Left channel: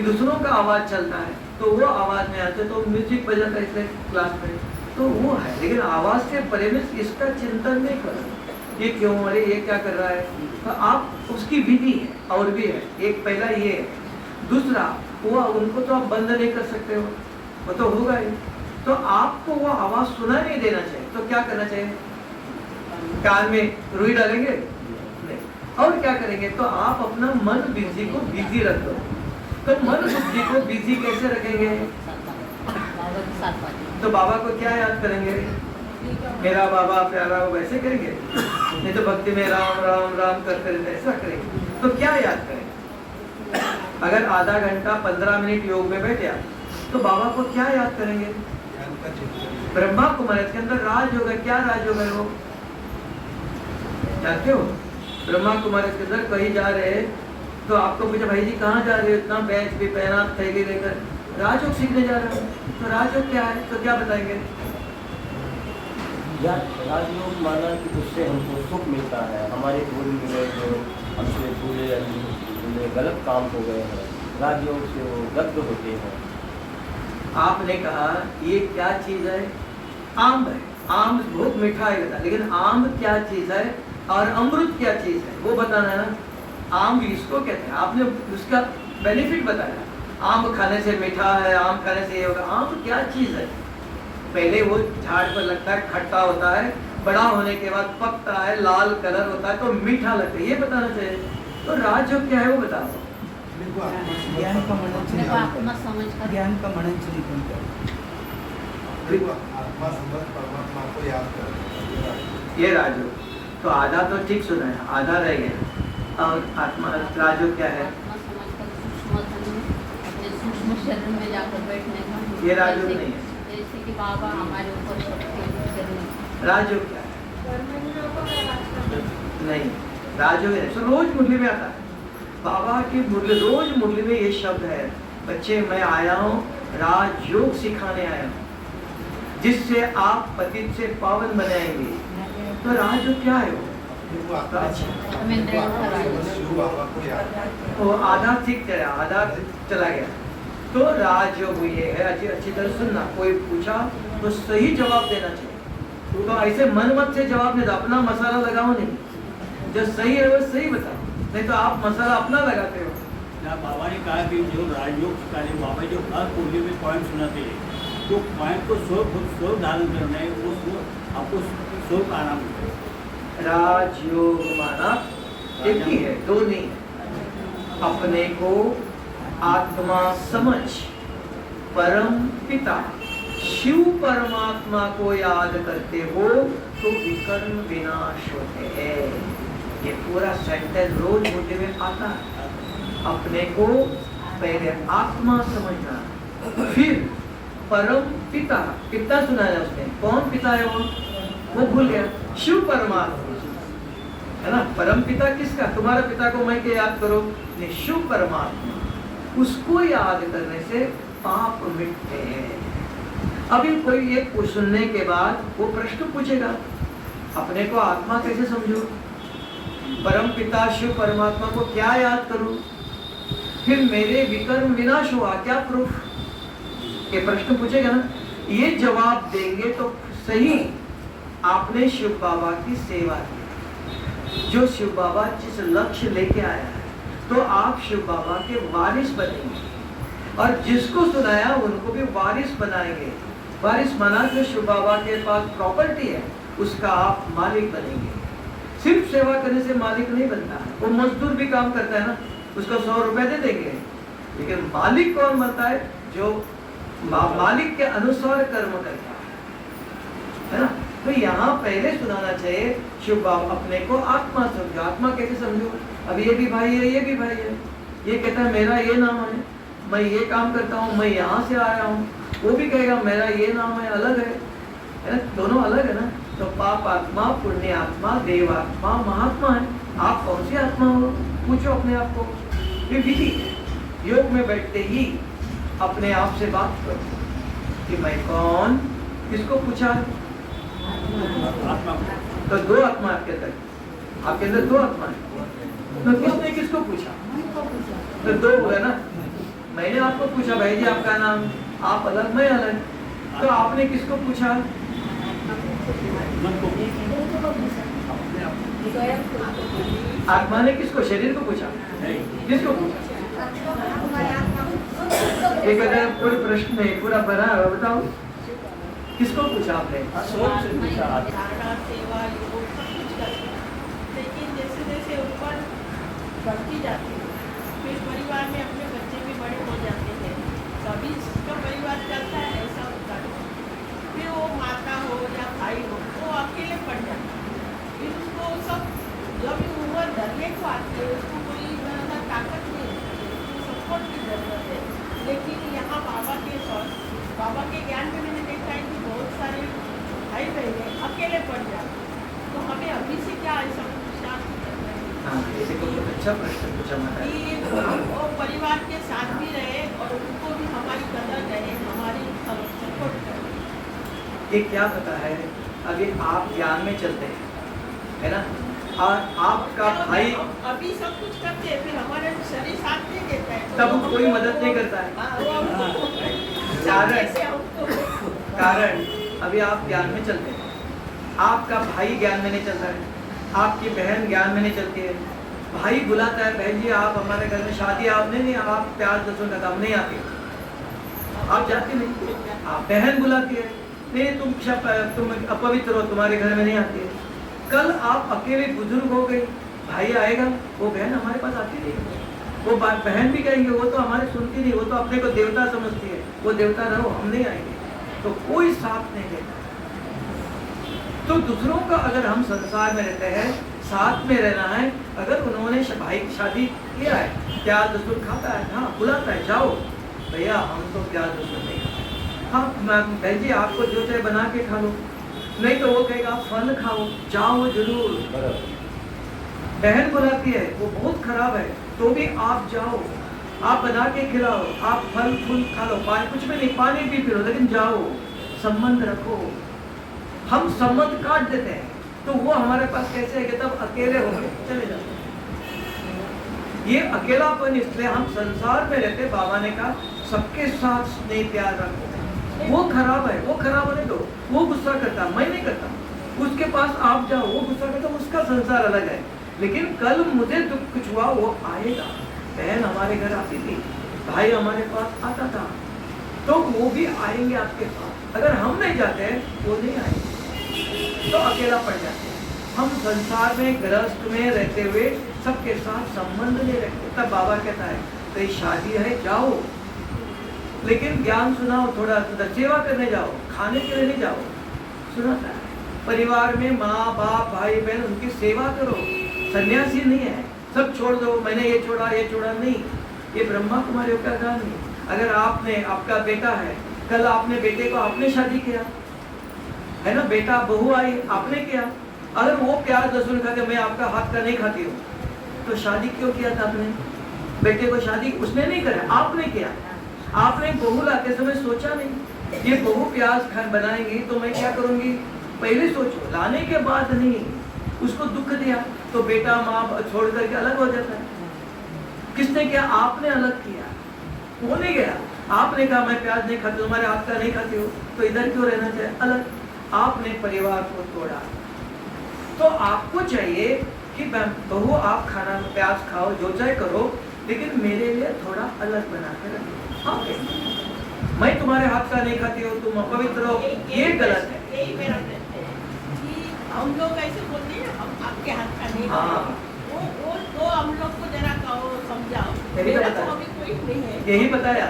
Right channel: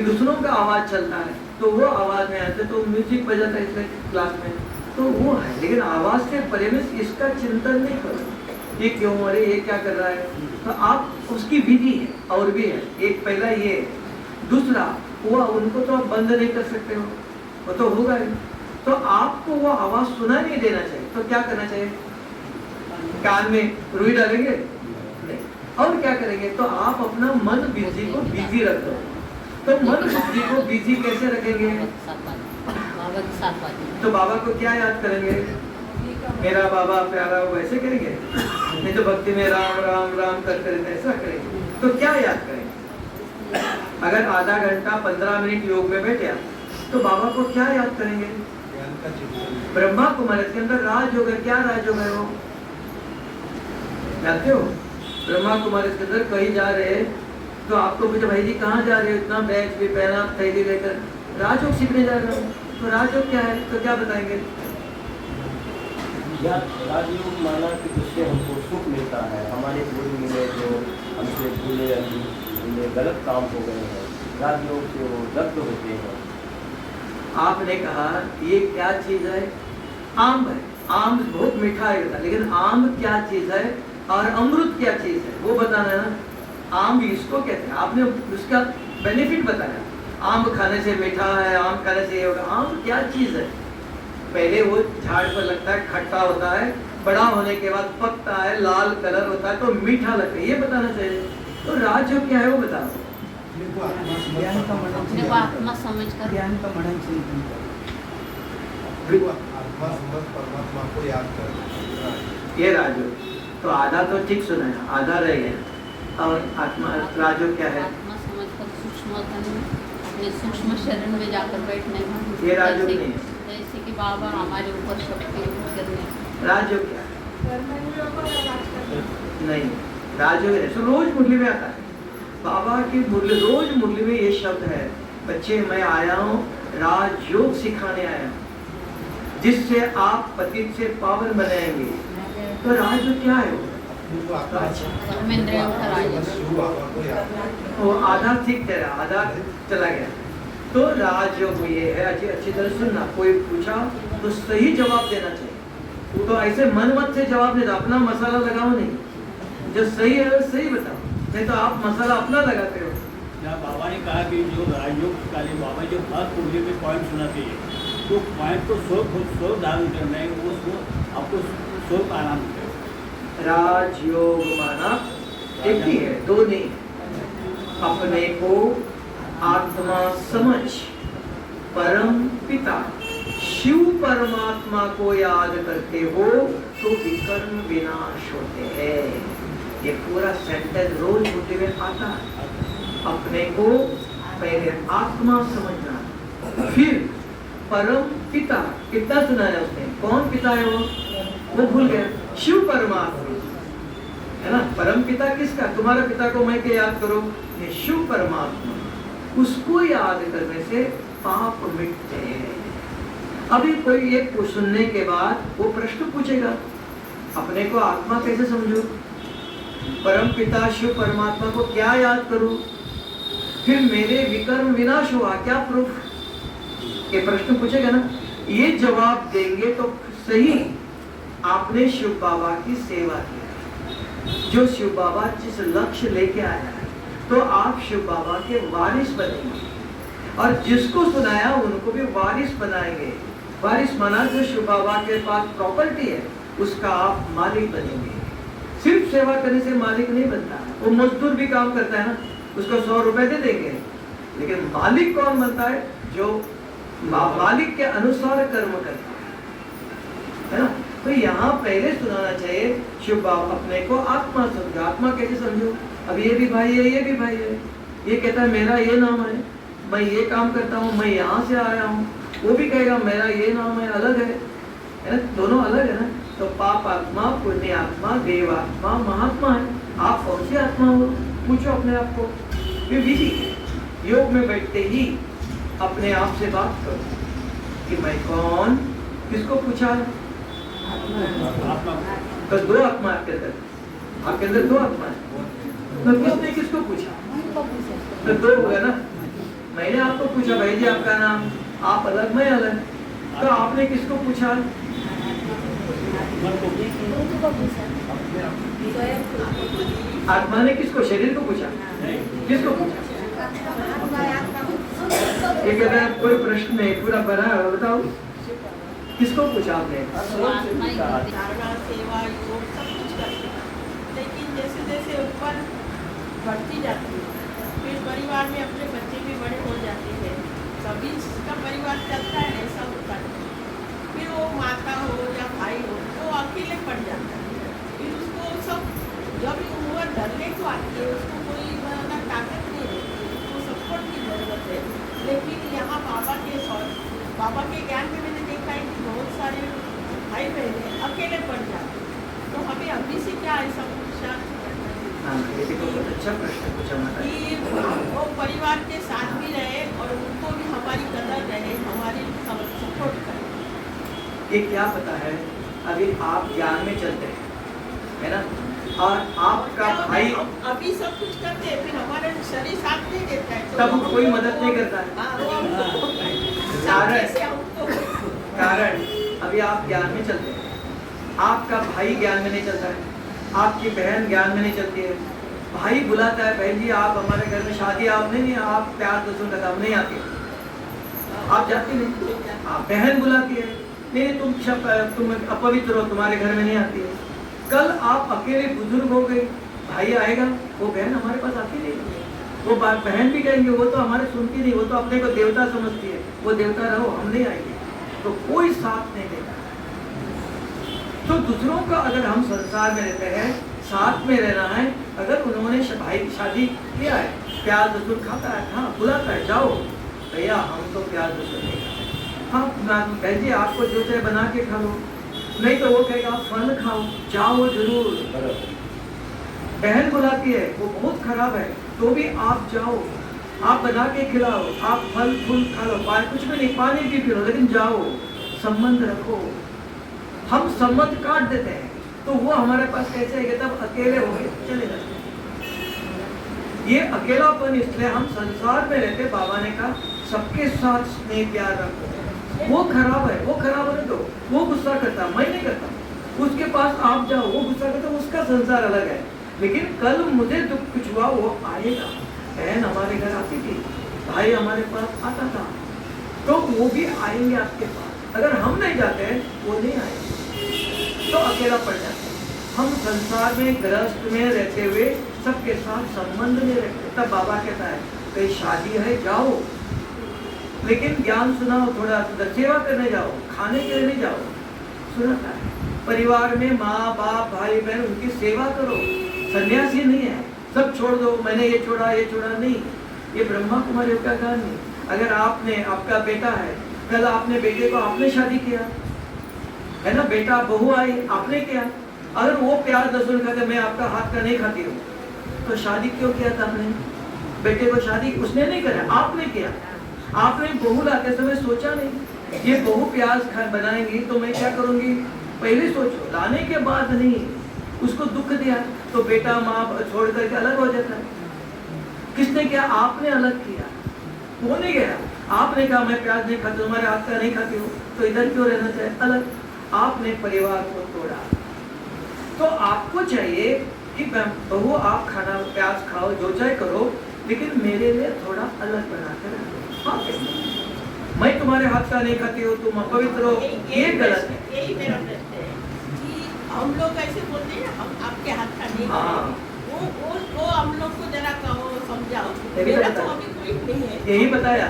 कि दूसरों का आवाज चलता है तो वो आवाज में आते तो म्यूजिक बजाता है इसलिए क्लास में तो वो है, लेकिन आवाज से परे में इसका चिंतन नहीं करो ये क्यों, अरे ये क्या कर रहा है, तो आप उसकी विधि है और भी है। एक पहला ये है, दूसरा वो उनको तो आप बंद नहीं कर सकते हो, वो तो होगा ही, तो आपको वो आवाज सुना नहीं देना चाहिए। तो क्या करना चाहिए, कान में रुई डालेंगे नहीं, और क्या करेंगे, तो आप अपना मन बिजी को बिजी रख दो। तो मन बुद्धि को बिजी कैसे रखेंगे, तो बाबा को क्या याद करेंगे, मेरा बाबा प्यारा, वैसे करेंगे, नहीं तो भक्ति में राम राम राम करते रहते ऐसा करेंगे। तो क्या याद करेंगे, अगर आधा घंटा 15 मिनट योग में बैठे तो बाबा को क्या याद करेंगे, ब्रह्मा कुमार के अंदर राजयोग है, क्या राजयोग है वो जानते हो, ब्रह्मा कुमार के अंदर कहीं जा रहे हैं तो आपको पूछा भाई जी कहाँ जा रहे हो, इतना बैग भी पहना थैली लेकर, राजयोग सीखने जा रहे हो, तो राजयोग क्या है, तो क्या बताएंगे, राजयोग माना कि उससे हमको सुख मिलता है, हमारे पूरी में जो हमसे पूरे गलत काम हो गए हैं, राजयोग से वो दग्ध होते हैं। आपने कहा ये क्या चीज है, आम है, आम बहुत मीठा है, लेकिन आम क्या चीज है और अमृत क्या चीज है वो बताना है ना। आम इसको कहते हैं, आपने उसका बेनिफिट बताया, आम खाने से मीठा है, आम खाने से ये होगा, आम क्या चीज है, पहले वो झाड़ पर लगता है, खट्टा होता है, बड़ा होने के बाद पकता है, लाल कलर होता है तो मीठा लगता है, ये बताना चाहिए। तो राजयोग क्या है वो बता दो, आत्मा समझ कर ज्ञान का मनन चिंतन आत्मा समझ परमात्मा को याद करना, ये राजयोग। तो आधा तो ठीक सुना है, आधा रह गया, और आत्मा राजयोग क्या है, आत्मा समझ कर सूक्ष्म अपने सूक्ष्म शरण में जाकर बैठने का, ये राजयोग नहीं है, जैसे कि बाबा हमारे ऊपर करने, राजयोग क्या है, नहीं राजयोग है, तो रोज मुरली में आता है बाबा की मुरली, रोज मुरली में ये शब्द है, बच्चे मैं आया हूँ राजयोग सिखाने आया हूँ जिससे आप पतित से पावन बनाएंगे। तो राजयोग क्या है वो, वो आधा ठीक चला, आधा चला गया। तो राजयोग ये है, अच्छी तरह सुनना, कोई पूछा तो सही जवाब देना चाहिए, तो ऐसे मन मत से जवाब नहीं दो, अपना मसाला लगाओ नहीं, जो सही है वो सही बताओ, नहीं तो आप मसाला अपना लगाते हो। बाबा ने कहा कि जो राजयोग काले बाबा जो हर पूर्णिमा में पॉइंट सुनाते हैं, तो पॉइंट को स्व धारण करना है, वो आपको स्व आराम है। राजयोग माना एक ही है, दो नहीं है, अपने को आत्मा समझ परम पिता शिव परमात्मा को याद करते हो तो विकर्म विनाश होते हैं। ये पूरा सेंटेंस रोज मुझे में आता है, अपने को पहले आत्मा समझना, फिर परम पिता, कितना सुना है उसने, कौन पिता है वो भूल गया, शिव परमात्मा है ना, परम पिता किसका, तुम्हारा पिता को मैं क्या याद करो, ये शिव परमात्मा, उसको याद करने से पाप मिटते हैं। अभी कोई एक सुनने के बाद वो प्रश्न पूछेगा, अपने को आत्मा कैसे समझो, परम पिता शिव परमात्मा को क्या याद करूं, फिर मेरे विकर्म विनाश हुआ क्या प्रूफ, ये प्रश्न पूछेगा ना, ये जवाब देंगे तो सही आपने शिव बाबा की सेवा की, जो शिव बाबा जिस लक्ष्य लेके आया तो आप शिव बाबा के वारिस बनेंगे, और जिसको सुनाया उनको भी वारिस बनाएंगे। वारिस माना जो शिव बाबा के पास प्रॉपर्टी है उसका आप मालिक बनेंगे। सिर्फ सेवा करने से मालिक नहीं बनता है, वो मजदूर भी काम करता है ना, उसको 100 रुपए दे देंगे, लेकिन मालिक कौन बनता है, जो मालिक के अनुसार कर्म करता है ना। तो यहाँ पहले सुनाना चाहिए शिव बाबा, अपने को आत्मा समझो, आत्मा कैसे समझो, अब ये भी भाई है, ये भी भाई है, ये कहता है मेरा ये नाम है, मैं ये काम करता हूँ, मैं यहाँ से आया हूँ, वो भी कहेगा मेरा ये नाम है, अलग है ना, दोनों अलग है ना। तो पाप आत्मा, पुण्य आत्मा, देव आत्मा, महात्मा है, आप कौन सी आत्मा हो, पूछो अपने आप को, ये विधि है। योग में बैठते ही अपने आप से बात करो कि मैं कौन, किसको पूछा है, तो दो आत्मा आपके अंदर दो आत्मा है, तो किसने किसको पूछा, तो दो हुआ ना, मैंने पूछा भाई जी आपका नाम, आप अलग मैं अलग, तो आपने किसको पूछा? आत्मा ने किसको? शरीर को पूछा? किसको पूछा? एक अगर कोई प्रश्न नहीं पूरा बना है बताओ, किसको पूछा आपने? धारणा, सेवा, योग सब कुछ करते हैं, लेकिन जैसे जैसे ऊपर बढ़ती जाती है, फिर परिवार में अपने बच्चे भी बड़े हो जाते हैं, सभी का परिवार चलता है, ऐसा होता है। फिर वो माता हो या भाई हो तो अकेले पड़ जाता है। फिर उसको सब जब उम्र ढलने को आती है, उसको कोई ताकत नहीं होती है, उसको सपोर्ट की जरूरत है। लेकिन यहाँ बाबा के ज्ञान में मैंने देखा है कि बहुत सारे भाई बहने अकेले पड़ जाते हैं। तो हमें अभी से क्या ऐसा अच्छा प्रश्न पूछा कि वो परिवार के साथ भी रहे और उनको भी हमारी कदर रहे, हमारी सपोर्ट करें। ये क्या पता है, अभी आप ज्ञान में चलते हैं, है ना, और आपका भाई अभी सब कुछ करते हैं, फिर हमारे शरीर साथ नहीं देता है, तब कोई मदद नहीं करता है। कारण अभी आप ज्ञान में चलते हैं, आपका भाई ज्ञान में नहीं चलता है, आपकी बहन ज्ञान में नहीं चलती है। भाई बुलाता है, बहन जी आप हमारे घर में शादी, आप नहीं, आप प्यार दसों का काम नहीं आती, आप जाती नहीं। बहन बुलाती है, नहीं तुम अपवित्र हो, तुम्हारे घर में नहीं आती है। कल आप अकेले बुजुर्ग हो गए, भाई आएगा, वो बहन हमारे पास आती नहीं, वो बहन भी कहेंगे वो तो हमारे सुनती नहीं, वो तो अपने को देवता समझती है, वो देवता रहो, हम नहीं आएंगे। तो कोई साथ नहीं देता। तो दूसरों का अगर हम संसार में रहते हैं, साथ में रहना है, अगर उन्होंने भाई की शादी किया है, प्यार दस्तूर खाता है, हाँ बुलाता है, जाओ भैया हम तो प्यार दस्तूर नहीं खाते, हाँ बहन जी आपको जो चाहे बना के खा लो, नहीं तो वो कहेगा फल खाओ, जाओ जरूर। बहन बुलाती है, वो बहुत खराब है, तो भी आप जाओ, आप बना के खिलाओ, आप फल फूल खा लो, कुछ भी नहीं, पानी भी पी लो, लेकिन जाओ, संबंध रखो। हम संबंध काट देते हैं, तो वो हमारे पास कैसे आएंगे? तब अकेले होंगे, चले जाते। ये अकेलापन इसलिए हम संसार में रहते, बाबा ने कहा सबके साथ स्नेह प्यार रखो। वो खराब है, वो खराब होने दो, वो गुस्सा करता है, मैं नहीं करता, उसके पास आप जाओ, वो गुस्सा करता, उसका संसार अलग है। लेकिन कल मुझे दुख कुछ हुआ, वो आएगा। बहन हमारे घर आती थी, भाई हमारे पास आता था, तो वो भी आएंगे आपके पास। अगर हम नहीं जाते हैं, वो नहीं आएंगे, तो अकेला पड़ जाते हैं। हम संसार में गृहस्थ में रहते हुए सबके साथ संबंध नहीं रखते। तब बाबा कहता है कहीं शादी है जाओ, लेकिन ज्ञान सुनाओ, थोड़ा सेवा करने जाओ, खाने के लिए नहीं जाओ। सुना था परिवार में माँ बाप भाई बहन उनकी सेवा करो। सन्यासी नहीं है सब छोड़ दो, मैंने ये छोड़ा नहीं, ये ब्रह्मा कुमारियों का काम नहीं। अगर आपने, आपका बेटा है, कल आपने बेटे को आपने शादी किया है ना, बेटा बहू आई आपने किया, अगर वो प्यार दसूर खाते, मैं आपका हाथ का नहीं खाती हूँ, तो शादी क्यों किया था आपने? बेटे को शादी उसने नहीं करा, आपने किया। आपने बहू लाते समय सोचा नहीं, ये बहू प्याज बनाएंगी तो मैं क्या करूंगी, पहले सोचो, लाने के बाद नहीं। उसको दुख दिया तो बेटा माँ छोड़ करके अलग हो जाता है। किसने किया? आपने अलग किया, वो नहीं गया। आपने कहा मैं प्याज नहीं खाती, तुम्हारे हाथ का नहीं खाती हूँ, तो इधर क्यों रहना चाहिए, अलग। आपने परिवार को तोड़ा। तो आपको चाहिए कि बहू आप खाना प्याज खाओ, जो चाहे करो, लेकिन मेरे लिए थोड़ा अलग बना के रखो। हाँ, मैं तुम्हारे हाथ का नहीं खाती हूँ, तुम अपवित्र हो, ये गलत है। यही मेरा प्रश्न है कि हम लोग ऐसे बोलते हैं हम आपके हाथ का नहीं खाते, वो हम लोग को जरा कहो, समझाओ। मेरा तो अभी कोई नहीं है, यही बताया।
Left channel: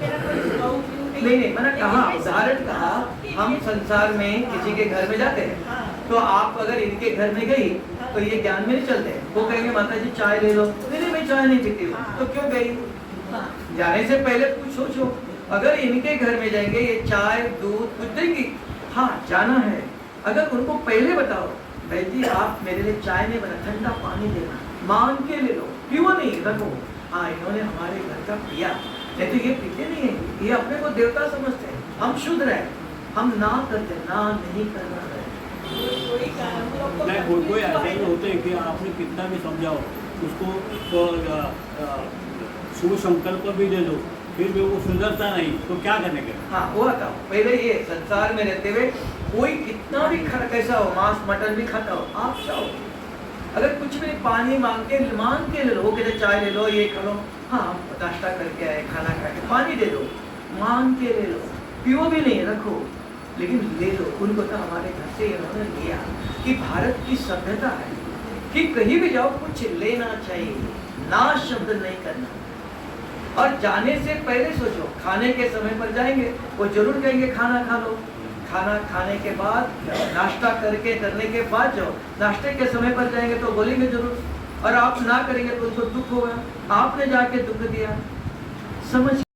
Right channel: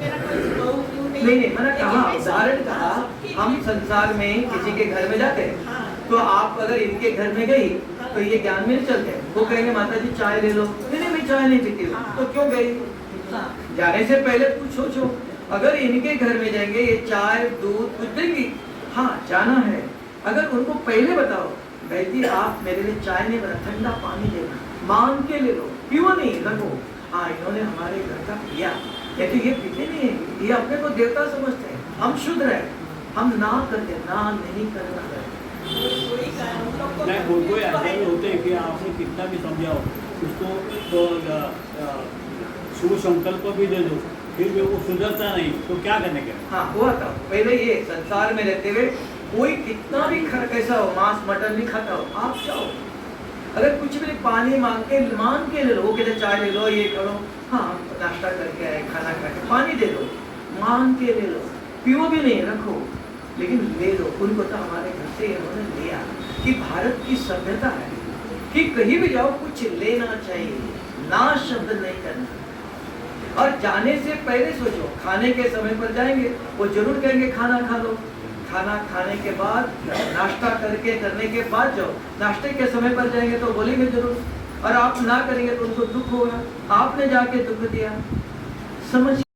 मेरा कोई बहू नहीं, मैंने कहा, उदाहरण कहा, हम संसार में किसी के घर में जाते हैं, तो आप अगर इनके घर में गई तो ये ज्ञान में नहीं चलते। वो कहेंगे माता जी चाय ले लो, नहीं मैं चाय नहीं पीती हूँ, तो क्यों गई? जाने से पहले कुछ सोचो। अगर इनके घर में जाएंगे, ये चाय दूध कुछ देंगी, हाँ जाना है। अगर उनको पहले बताओ भाई जी आप मेरे लिए चाय नहीं बना, ठंडा पानी लेना, मांग के ले लो, क्यों नहीं रखो। हाँ इन्होंने हमारे घर का पिया, लेकिन ये पीते नहीं है, ये अपने को देवता समझते हैं। हम शुद्ध रहे, हम ना करते, ना नहीं करना है। नहीं, कोई ऐसे भी होते हैं कि आपने कितना भी समझाओ, उसको शुभ संकल्प भी दे दो, फिर भी वो सुधरता नहीं, तो क्या करने के? हाँ हुआ था पहले। ये संसार में रहते हुए कोई कितना भी कैसा हो, मांस मटन भी खाता हो, आप चाहो अगर कुछ भी पानी मांग के ले लो, कहते चाय ले लो, ये करो, हाँ नाश्ता करके आए, खाना खा के पानी दे दो, मांग के ले लो, पियो भी नहीं, रखो, लेकिन ले लो। उनको तो हमारे घर से इन्होंने लिया कि भारत की सभ्यता है कि कहीं भी जाओ कुछ लेना चाहिए, ना शब्द नहीं करना। और जाने से पहले सोचो, खाने के समय पर जाएंगे वो जरूर कहेंगे खाना खा लो, खाना खाने के बाद नाश्ता करने के बाद जाओ, नाश्ते के समय पर जाएंगे तो बोलेंगे जरूर, और आप ना करेंगे तो उनको दुख होगा, आपने जाके दुख दिया। समझ